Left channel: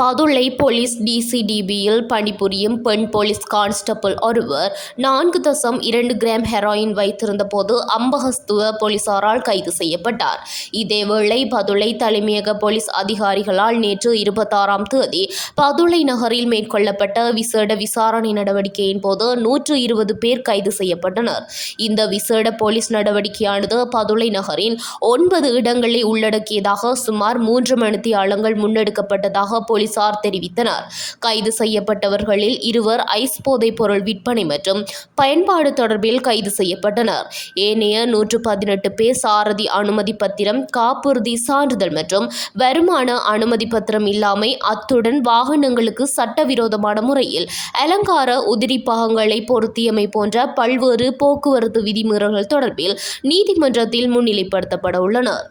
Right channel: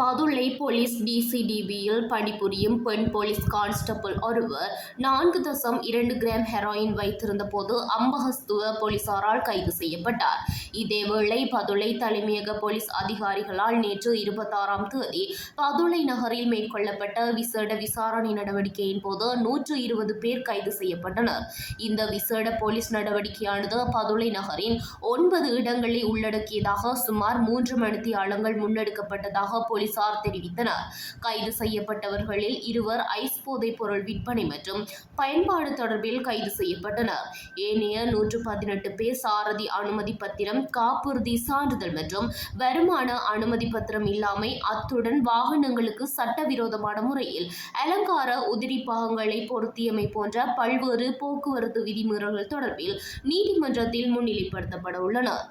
Badulla police டிசிடிபியில் பணிபுரியும் பெண் police constable ஒருவர் நான்கு தசம் இரண்டு கிராம் ஹெராயின் வைத்திருந்த போது அம்பகஸ்துவ போலீசாரால் கைது செய்யப்பட்டார். இதேவேளை பதுளை தலைமையக போலீஸ் அதிகாரிகளால் நேற்று இருபத்தாறாம் தேதி பதுளை நகரில் மேற்கொள்ளப்பட்ட விசேட விசாரணை நடவடிக்கையின் போது நூற்று இருபது பேர் கைது செய்யப்பட்டனர். இந்த விசேட போலீஸ் நடவடிக்கையானது பதுளை நகரின் ஒன்பது இடங்களை உள்ளடக்கியதாக சுமார் மூன்று மணித்தியாலங்கள் முன்னெடுக்கப்பட்டதாக போலீஸ் போலீசார் தெரிவித்தனர். கைது செய்யப்பட்டவர்களில் இருவர் ஐஸ் போதைப் பொருள் விற்பனை மற்றும் பயன்பாடு தொடர்பில் கைது செய்யப்பட்டனர். ஏனைய நூற்று பதினெட்டு பேர் சாரதி அனுமதி பத்திரம் காப்புறுதி சான்றிதழ் மற்றும் வருமான அனுமதி பத்திரம் இல்லாமை அத்துடன் வாகனங்களுக்கு சட்டவிரோதமான முறையில் அலங்கார உதிரி பாகங்களை பொருத்தியமை போன்ற பல்வேறு போக்குவரத்து விதிமீறல்கள் தொடர்பில் நீதிமன்றத்தில் முன்னிலைப்படுத்தப்பட உள்ளனர்.